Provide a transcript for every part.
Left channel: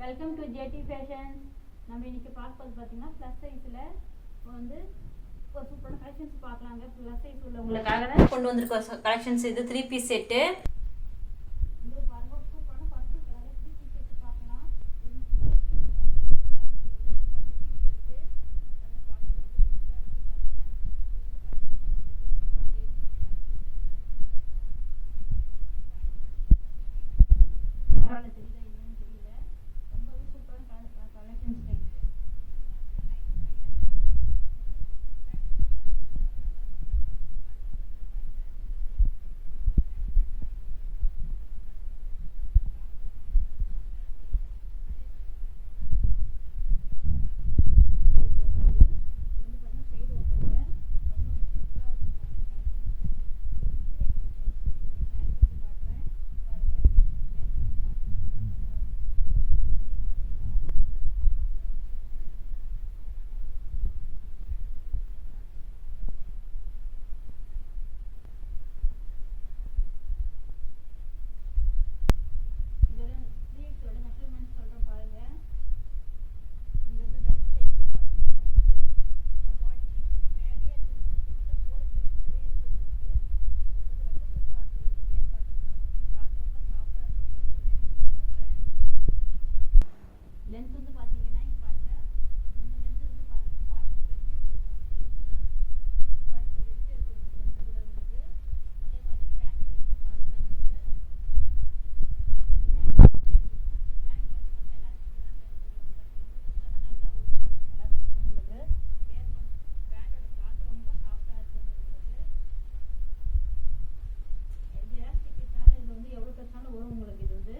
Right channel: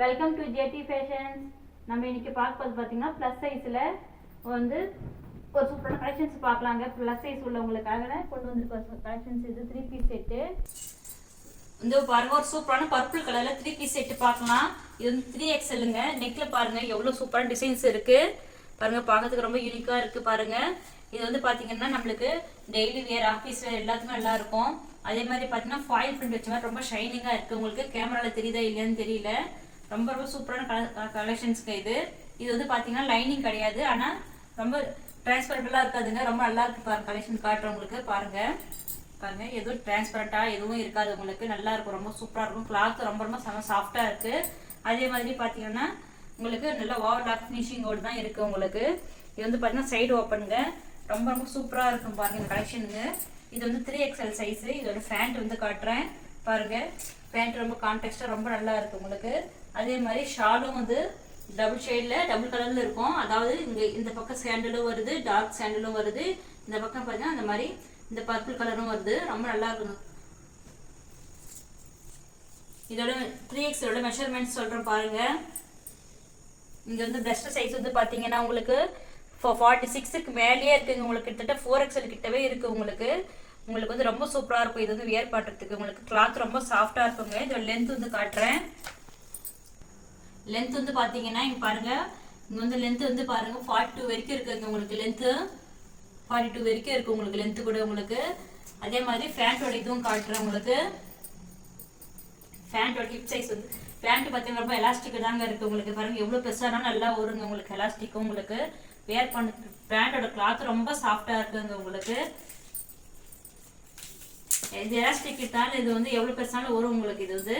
Welcome to JD fashions. நம்ம இன்னைக்கு பார்க்க பார்த்தீங்கன்னா ப்ளஸ் சைஸில் வந்து ஒரு சூப்பரான கலெக்ஷன்ஸ் பார்க்கலாங்க. ப்ளஸ் சைஸ் உள்ளவங்களுக்காக தான் கொண்டு வந்திருக்க கலெக்ஷன்ஸ். இது 3 பீஸ் செட்டு வந்து பாருங்க, ஒரு சூப்பரான பர்பிள் கலர்ல 3 பீஸ் செட்டு பார்க்கலாம். இது வந்து 3XLங்க. நெக்ல பாருங்க எவ்வளவு சூப்பரான டிசைன்ஸ் இருக்கு பாருங்க, பார்க்கறதுக்கு ரொம்ப யூனிக்கா இருக்கு பாருங்க. இது வந்து பாத்தீங்கன்னா நம்மளுக்கு டெய்லி வேர், ஆஃபீஸ் வேர் எல்லாத்துக்கும் நல்லா இருக்கும். அதே மாதிரி பாத்தீங்கன்னா ஃபாயில் பிரிண்ட் வச்ச மாதிரி ரொம்ப ஷைனிங்கா இருக்கு. உங்களுக்கு கேமரால தெரியுதா இல்லையான்னு தெரியல. ரொம்ப ரொம்ப சூப்பரான கலெக்ஷன்ஸ்க்கு இது வந்து பாத்தீங்கன்னா லைனிங் கிடையாது, ஆனா ரொம்ப டிரான்ஸ்பரண்டா இருக்காதுங்க. ரொம்ப நல்லா இருக்கு பாருங்க. கலெக்ஷன் காட்டுறேன் உங்களுக்கு பாருங்க. பாருங்க எதுவும் டிரான்ஸ்பரண்டா எதுவும் இருக்காது, உங்களுக்கு நல்லா இருக்கும், ரொம்ப சூப்பரா இருக்கும். கிளாத் ரொம்ப ரொம்ப சாஃப்டா இருக்கு. அதே மாதிரி பாத்தீங்கன்னா உங்களுக்கு நல்ல ஓவர்லாக் ஃபினிஷிங்கோடு தான் இருக்கு உங்களுக்கு. இது வந்து பாத்தீங்கன்னா சைடு ஓப்பனுங்க, ரொம்ப ரொம்ப சூப்பரா இருக்கும் பாருங்க இந்த கலெக்ஷனுங்க. இது வந்து 3XL சைஸ். இதோட பேண்ட் வந்து காட்டுறேன் பாருங்க. பேண்ட் ரொம்ப கான்டெக்ஸ்டா ரொம்ப நல்லா இருக்கு உங்களுக்கு. அதே மாதிரி ஷாலும் வந்து டபுள் ஷேட்ல டபுள் கலர்ல இருக்கும். அதாவது இந்த பக்கம் சாண்டலும் வருது, டார்க் சாண்டலும் வருது. இந்த பக்கம் பாத்தீங்கன்னா அந்த மாதிரி இந்த பர்பிள் கலரும் வருது. ரொம்ப நல்லா இருக்கும். இதோட 3XL மெஷர்மெண்ட் சொல்றேன் பாருங்க. இங்க வந்து பிரஸ்ட் சைஸ் வந்து பாத்தீங்கன்னா உங்களுக்கு 46க்கு மேலேயே இருக்குங்க. உங்களுக்கு கிட்டத்தட்ட 4XL கிட்டவே இருக்கு உங்களுக்கு. உங்களுக்கு வந்து ரொம்ப சூப்பரா இருக்கும். இது வந்து வியர் பண்றதுக்கு உங்களுக்கு கிளாத் ரொம்ப சாஃப்டா இருக்குங்க. இதோட லென்த் வந்து காட்டுறேன். லென்த் வந்து பாத்தீங்கன்னா இங்க பாருங்க, இங்க வந்து லென்த் வந்து பாருங்க 42 வரைக்கும் இருக்குங்க உங்களுக்கு. லென்த் 42 வரைக்கும் இருக்கு உங்களுக்கு லென்த் கூட உங்களுக்கு. அதே மாதிரி பேண்டோட இதுவும் காட்டுறேன் உங்களுக்கு. பேண்டோட ஹிப் சைஸ் வந்து பேண்ட் பாத்தீங்கன்னா ரொம்ப எலாஸ்டிக் தாங்க இருக்கு உங்களுக்கு. பாருங்க எவ்வளவு பெருசானாலும் நல்லா வருங்க உங்களுக்கு. எலாஸ்டிக்கும் உங்களுக்கு வேர் பண்ண பேண்டோட கிளாத் ரொம்ப சாஃப்டா இருக்குங்க உங்களுக்கு. இது எலாஸ்டிக் கிட்டால இது வந்து எவ்வளவு பெருசாலும் வரும் உங்களுக்கு. இது வந்து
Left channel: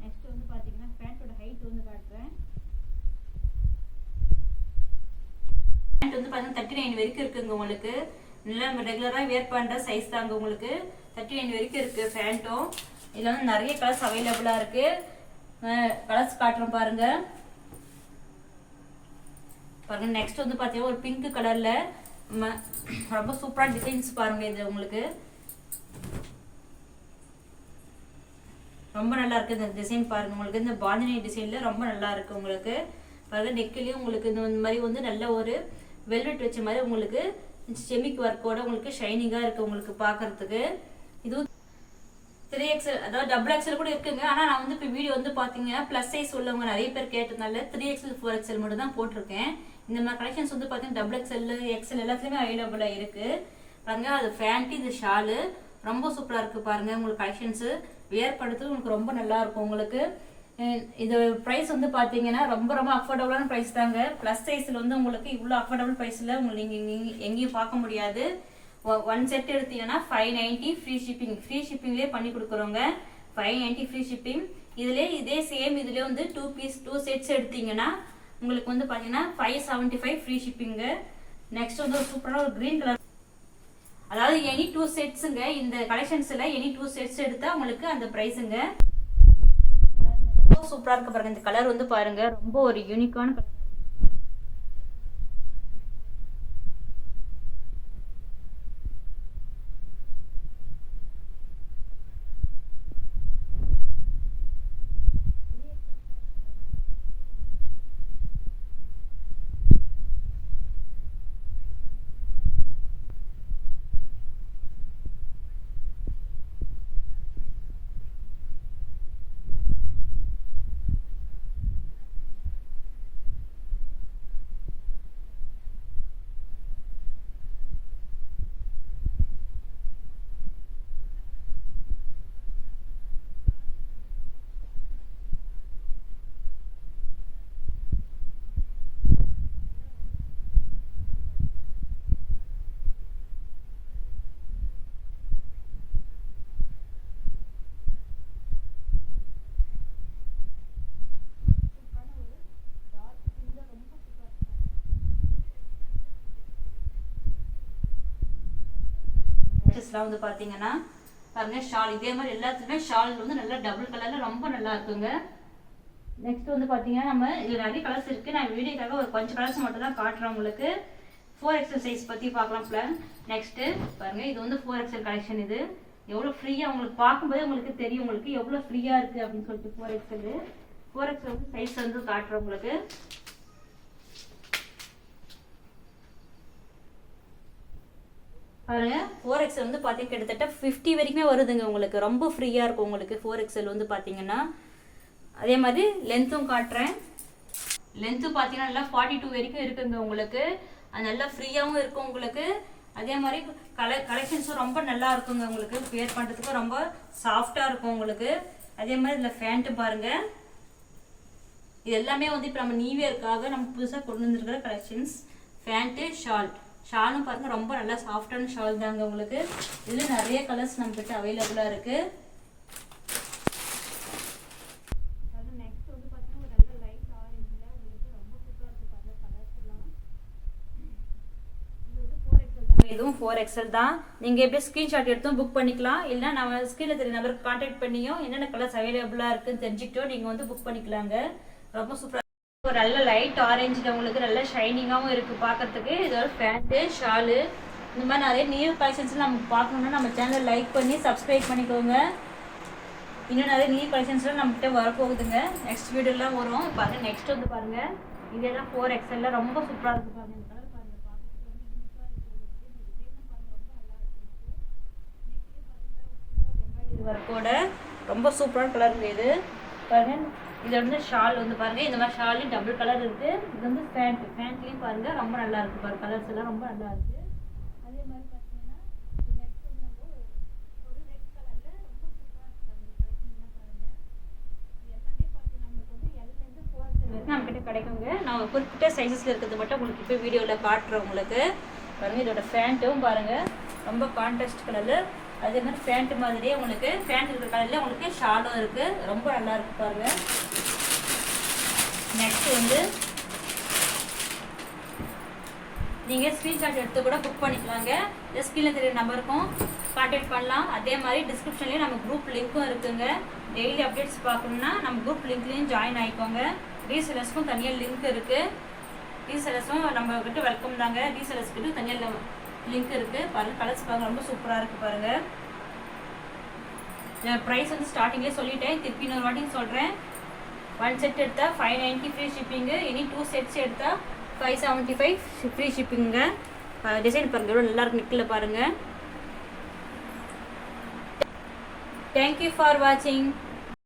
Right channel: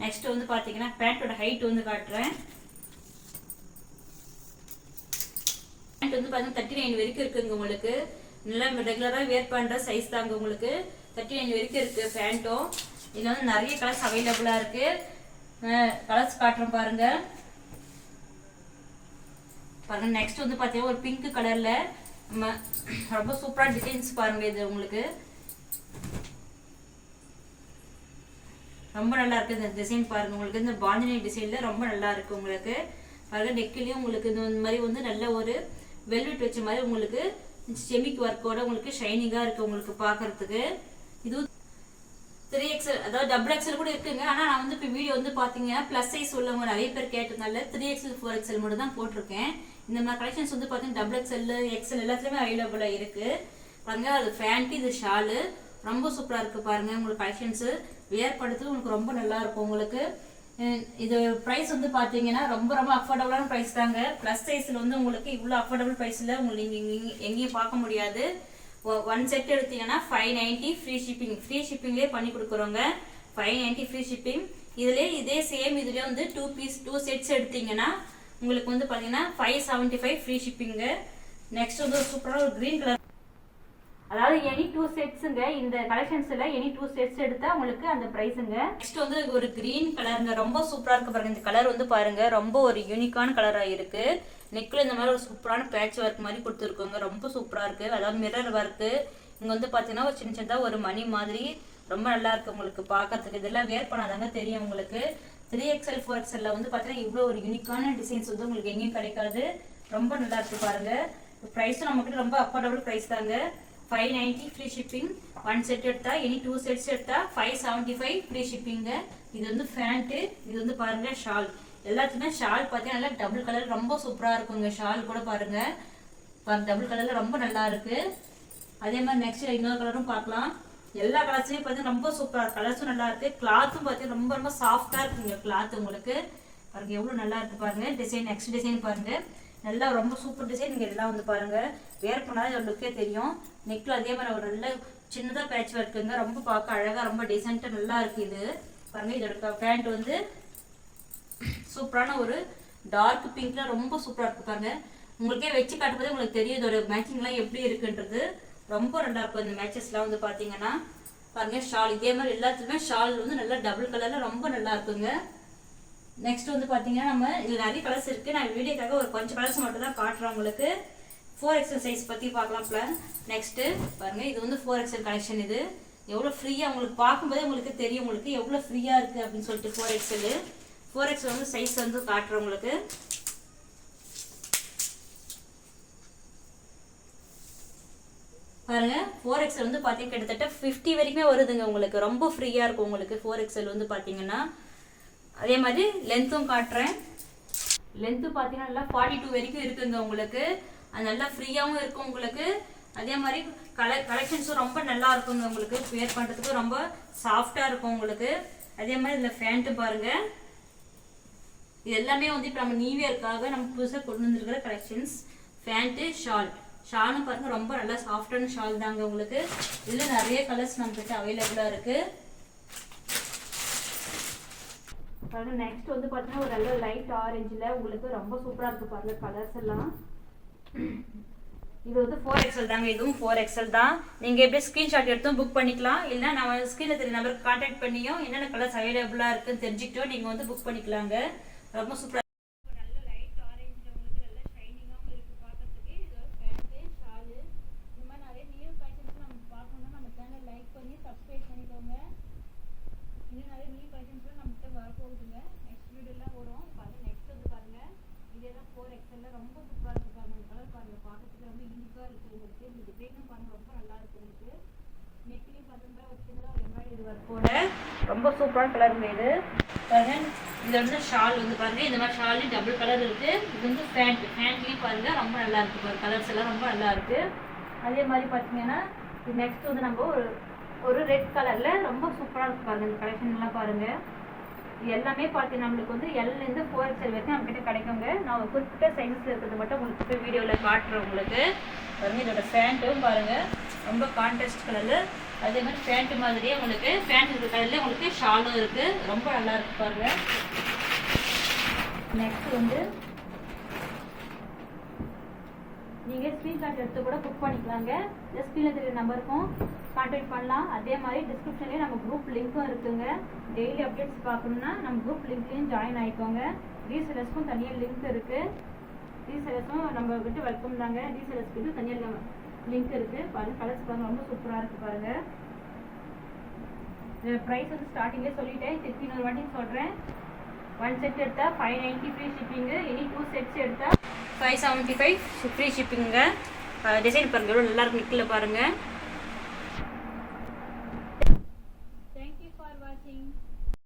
நெக்ஸ்ட் வந்து பாத்தீங்கன்னா பேண்டோட ஹைட் வந்து காட்டுறேன். பேண்ட் வந்து பாத்தீங்கன்னா 39 வரைக்கும் இருக்குங்க உங்களுக்கு. நல்லா ரெகுலரா வேர் பண்ற சைஸ் தாங்க உங்களுக்கு. 39 வரைக்கும் இருக்கு பேண்ட்டும். இதுல வந்து நிறைய கலர்ஸ் அவைலபிளா இருக்கு. கலர்ஸ் காட்டுறோம் பாருங்க. பாருங்க நெக்ஸ்ட் வந்து பாத்தீங்கன்னா ஒரு பிங்க் கலர்ல ரொம்ப சூப்பரா டிசைன்ஸ் பாருங்க. இது உங்களுக்கு ரொம்ப நல்லா இருக்கு இந்த டிசைன் பாருங்க. உங்களுக்கு இந்த பாந்தினி டிசைன்ல ரொம்ப நல்லா இருக்கு உங்களுக்கு. பாருங்க நெக்லயும் உங்களுக்கு இந்த மாதிரி வந்து நல்ல ஒரு வெல்வெட் வச்ச மாதிரி உங்களுக்கு செமிக் ஒர்க்கோட உங்களுக்கு ஷைனிங்கா இருக்கு உங்களுக்கு பாக்குறதுக்கு. இது 3XL அதாவது XXL கூட இருக்குங்க. ஆனா நான் வந்து இப்போ வீடியோ வந்து பாத்தீங்கன்னா பிளஸ் சைஸ் உள்ளவங்க நிறைய பேர் கேட்டதுனால 3XL 4XL மட்டும் தான் போட்டிருக்கேன். இந்த மாதிரி கலெக்ஷன்ஸ் வந்து பாத்தீங்கன்னா XXL XL எல்லாத்துலயுமே அவைலபிளா இருக்கு பாருங்க. அது ஃபேண்ட், இது ஷாலு ரொம்ப சூப்பரா இருக்கு பாருங்க. உங்களுக்கு கலெக்ஷன்ஸ் வியர் படுத்து உங்களுக்கு ரொம்ப நல்லா இருக்கும் உங்களுக்கு. இது பிரைஸ் வந்து பாத்தீங்கன்னா ரொம்ப ரொம்ப அஃபோர்டபுளான பிரைஸ் தாங்க. பிளஸ் சைஸ்ல வந்து உங்களுக்கு இவ்வளவு அஃபோர்டபுள் பிரைஸ்ல உங்களுக்கு நீங்க எங்கேயும் பார்க்க முடியாது. ஒன் செட் எடுத்தீங்கன்னா 590 ஃப்ரீ ஷிப்பிங். ஃப்ரீ ஷிப்பிங்லேயே பண்ணி கொடுக்குறோங்க. 590 ஃப்ரீ ஷிப்பிங். இதுலேயே இதே சேம் இதுலேயே வந்து 2 செட்ஸ் எடுத்தீங்கன்னா உங்களுக்கு வந்து பார்த்தீங்கன்னா 575 ஃப்ரீ ஷிப்பிங்க. நெக்ஸ்ட் வந்து ஒரு சூப்பரான ஒரு கிரீன் கலர், அதாவது எனி 2 செட்ஸுங்க. இந்த கலெக்ஷன்ஸ்ல எனி 2 செட்ஸ் எடுத்தா உங்களுக்கு அந்த பிரைஸுங்க. நெக்ஸ்ட் வந்து ஒரு கிரீன் கலருங்க, ரொம்ப சூப்பரா இருக்கு பாருங்க. இந்த கலர் வந்து பாருங்க ரொம்ப ஒரு யூனிக்கான கலரா இருக்கு. நெக்ல இந்த மாதிரி ஒரு சூப்பரான பேட்ச் ஒர்க் மாதிரி கொடுத்துருக்கோங்க. ரொம்ப சூப்பரா இருக்கு. அதாவது மிரர் ஒர்க்கு. இங்க வந்து பாத்தீங்கன்னா ஒரு சின்ன சின்னதா ஒரு மணி மாதிரி ரொம்ப நல்லா இருக்கு உங்களுக்கு பாக்கிறதுக்கு. இதெல்லாம் வேர் பண்ணாதாங்க தெரியும் உங்களுக்கு. 3XL 4XL வந்து பாத்தீங்கன்னா இவ்வளவு ஒரு யூனிக்கான டிசைன்ஸ் வந்து உங்களுக்கு எங்கேயும் கிடைக்காது. ரொம்ப நல்லா இருக்கு பாருங்க. பிரைஸும் நம்ம கிட்ட ரொம்ப அஃபோர்டபுள் பிரைஸ் தாங்க. 590 ஃப்ரீ ஷிப்பிங். 1 செட் எடுத்தா எனி 2 செட்ஸ் எடுத்தா 575 ஃப்ரீ ஷிப்பிங்க. இது வந்து பேண்ட், இது வந்து பாருங்க ஷால். எல்லாத்துக்குமே ஷால் பார்த்தீங்கன்னா நல்லா டபுள் கலர் ரொம்ப சூப்பரா இருக்குங்க. ஷால் கூட பாருங்க டபுள் கலர்ல ரொம்ப நல்லா இருக்கு. அதே மாதிரி நெக்ஸ்ட் இன்னொரு கலரும் பார்க்கலாம். எல்லா கலர்ஸுமே பார்த்தீங்கன்னா ரொம்ப சூப்பரா இருக்கு. கலர்ஸும் நல்லா இருக்கு. கிளாத்தும் பார்த்தீங்கன்னா ரொம்ப ரொம்ப சாஃப்டா இருக்குங்க கிளாத் உங்களுக்கு. பாருங்க எவ்வளவு நல்லா இருக்கு பாருங்க. டிசைன் நெக்ஸ்ட் டிசைன் பாருங்க, நல்லா ரொம்ப சூப்பர் டிசைன். நீங்க எல்லாம் வந்து பாருங்க வேர் பண்ணாத லுக்கே தெரியும். நெக்ல அதே மாதிரி ஒரு நல்ல சின்னதா பேட்ச் ஒர்க்குங்க. ரொம்ப பார்க்க அழகா ரொம்ப டீசெண்டா நல்லா இருக்கு. இது பாருங்க. இதோட பேண்ட் வந்து சூப்பரான ஒரு டார்க் பிங்க்ல ரொம்ப சூப்பரா இருக்கு பாருங்க. உங்களுக்கே வச்சு காட்டும்போது உங்களுக்கு தெரியும் இதோட மேட்சிங் எல்லாம் எப்படி இருக்குன்றது. ரொம்ப நல்லா இருக்கும் இந்த மேட்சஸ் எல்லாம் வந்து பாத்தீங்கன்னா. பாருங்க ஷால் இதே மாதிரி எல்லாத்துலயுமே ஷால் வந்து நல்லா டபுள் கலர்ல ரொம்ப நல்லா இருக்குங்க. நெக்ஸ்ட் வந்து பாத்தீங்கன்னா நம்ம இதுல நிறைய கலர்ஸ் இருக்கு. நான் வீடியோக்காக ஒரு கொஞ்சம் கலர்ஸ் மட்டும் தான் காட்டுறேன் உங்களுக்கு. 4XL சைஸ் பத்தி பார்க்கலாம். நெக்ஸ்ட் பாருங்க, இது வந்து 4XL கலெக்ஷன். இது எவ்வளவு ஃப்ரீயா உங்களுக்கு பார்க்கும்போதே உங்களுக்கு தெரியும் உங்களுக்கு எவ்வளவு ஃப்ரீயா இருக்கு அப்படின்னு சொல்லிட்டு 4XL 4XL வந்து சைஸ் வந்து காட்டுறேன் உங்களுக்கு. பாருங்க 4XL வந்து பார்த்தீங்கன்னா கிட்டத்தட்ட 50 வரைக்குமே வருதுங்க உங்களுக்கு. ரொம்ப ஃப்ரீயாக இருக்கும் உங்களுக்கு 4XL வந்து பார்த்தீங்கன்னா. அதே மாதிரி லென்த்தும் காட்டுறேன். லென்த்து பார்த்தீங்கன்னா நல்லா 42 வரைக்கும் இருக்குங்க உங்களுக்கு. அது நல்லா ஃப்ரீயாகவும் இருக்கும் உங்களுக்கு. அதே மாதிரி கலெக்ஷன்ஸும் ரொம்ப நல்லா இருக்குங்க உங்களுக்கு. வேர் பண்ணுறதுக்கு ரொம்ப சாஃப்டாக இருக்கும் உங்களுக்கு. அதே மாதிரி இதில் ஃபேண்ட்டு பாருங்கள். இது எல்லாமே வந்து இப்போ நம்ம நியூ இயர்க்காக நம்ம புதுசாக கொண்டு வந்துருக்கிற கலெக்ஷன்ஸ். ஃபேண்ட்டு ஷாலும் பாருங்கள் ரொம்ப நல்லா சாஃப்டான ஷால் தாங்க உங்களுக்கு. இதில் நிறைய கலர்ஸ் நம்மகிட்ட அவைலபிளாக இருக்குது. பாருங்கள் நெக்ஸ்ட் வந்து பார்த்தீங்கன்னா ஒரு நல்ல லைட் ஆரஞ்சில் உங்களுக்கு ரொம்ப சூப்பராக இருக்குது பாருங்கள் கலர்ஸ் எல்லாம். இது வந்து 4XL தாங்க. இதுவும் 4XL தான். நீங்கள் எப்படி ஸ்க்ரீன்ஷாட் எடுத்தும் புக் பண்ணிக்கலாம். இல்லைனா நம்ம ஸ்க்ரீனில் தெரிய நம்பருக்கு கான்டாக்ட் பண்ணியும் என்னென்ன கலர்ஸ் அவைலபிளாக இருக்குன்னு தெரிஞ்சுக்கிட்டோம் நீங்கள் வந்து புக் பண்ணிக்கலாங்க. ரொம்ப சூப்பராக ஒரு நல்ல லைட் ஆரஞ்சில் உங்களுக்கு நல்ல ஷைனிங்காகவும் இருக்குது பார்க்கறதுக்கு. இதோட பேண்ட்டு ஷாலு இந்த மாதிரி நிறைய நியூ கலெக்ஷன்ஸ் நம்ம பார்க்கணுன்னா நம்ம சேனலை லைக் பண்ணி சப்ஸ்கிரைப் பண்ணிக்கோங்க. இன்னும் நிறைய நியூ கலெக்ஷன்ஸ்லாம் நம்மகிட்ட வரப்போகுதுங்க. நெக்ஸ்ட் வீடியோலாம் வரும் பாருங்கள். நெக்ஸ்ட் வந்து பாருங்கள் இதெல்லாம் 4XL ரொம்ப சூப்பராக இருக்குது பாருங்கள். இந்த கலர் பாருங்கள் பார்க்கறதுக்கு ரொம்ப யூனிக்காக இருக்குது உங்களுக்கு. இந்த டிசைனும் பாருங்கள் ரொம்ப நல்லா இருக்குது உங்களுக்கு. நெக்லையும் பார்த்தீங்கன்னா ஒரு சின்ன ஒரு எம்ப்ராய்டரி ஒர்க்கோட ரொம்ப சூப்பரான கலருங்க இது பாருங்கள். இது வந்து ஷால் வந்து பாருங்கள் இந்த மாதிரி ஷால்லையும் டபுள் கலர் இருக்குது. இது வந்து ஃபேண்ட்லேயும் பாருங்கள் ரொம்ப நல்லா இருக்குது பாருங்கள். கலர்ஸ் எல்லாம் ரொம்ப நல்லா இருக்குது. அதே மாதிரி பார்த்தீங்கன்னா இது நெக்ஸ்ட் வந்து நம்ம ஒரு ரெட் கலரில் ரொம்ப சூப்பராக இருக்குது பாருங்கள். இந்த கலெக்ஷன்லாம் பாருங்கள். இது எல்லாமே பார்த்தீங்கன்னா நம்மளுக்கு வந்து Lலேருந்து 4XL வரைக்கும் நம்மகிட்ட கிடைக்குங்க. நான் ஒரு குறிப்பிட்ட சைஸஸில் இருக்கிறது மட்டும் உங்களுக்கு இப்போ வீடியோவில் காட்டுறேன் உங்களுக்கு. பாருங்கள் இதோட ஃபேண்ட்டும் பாருங்கள் ரொம்ப கான்ட்ராஸ்ட் கலரில். அதே மாதிரி ஃபேண்ட்டு மாதிரியே உங்களுக்கு ஃபேண்ட் இருக்கிற கலரில் உங்களுக்கு ஷாலும் இருக்குது. ரொம்ப நல்லா இருக்குது பாருங்கள். நெக்ஸ்ட் வந்து நீங்கள் ஸ்க்ரீன்ஷாட் எடுத்து கூட புக் பண்ணிக்கலாங்க. இந்த ஸ்க்ரீனில் தெரிய நம்பருக்கும் கான்டாக்ட் பண்ணலாம். அதே மாதிரி டிஸ்கிரிப்ஷன்லேயும் நம்ம குரூப் லிங்க்கும் இருக்குங்க. டெய்லி அப்டேட்ஸ் பார்க்கணுன்னா நம்ம குரூப் லிங்க்லேயும் ஜாயின் ஆகிக்கோங்க. ரீசெலர்ஸ்க்கும் தனியாக லிங்க் இருக்குது. ரீசெலர்ஸும் நம்மக்கிட்ட வெல்கம் தாங்க. ரீசெலர்ஸ்கிட்ட தனியாக லிங்க் இருக்குது பாருங்கள். கலர்ஸ் பாருங்கள் ரொம்ப சூப்பராக இருக்குது பாருங்கள். ப்ரைஸ் வந்து ஸ்டார்டிங்லேயே சொல்லிட்டேன். திருப்பி இன்னொரு வாட்டியும் சொல்கிறேன். 1 செட் எடுத்தால் 590 ஃப்ரீ ஷிப்பிங்கு. இனி 2 செட்ஸ் எடுத்தால் 575 ஃப்ரீ ஷிப்பிங்க. டிசைன் பாருங்கள் எவ்வளோ நல்லாயிருக்கு நிற்கல பாருங்கள். தேங்க்யூ ஃபார் வாட்சிங்.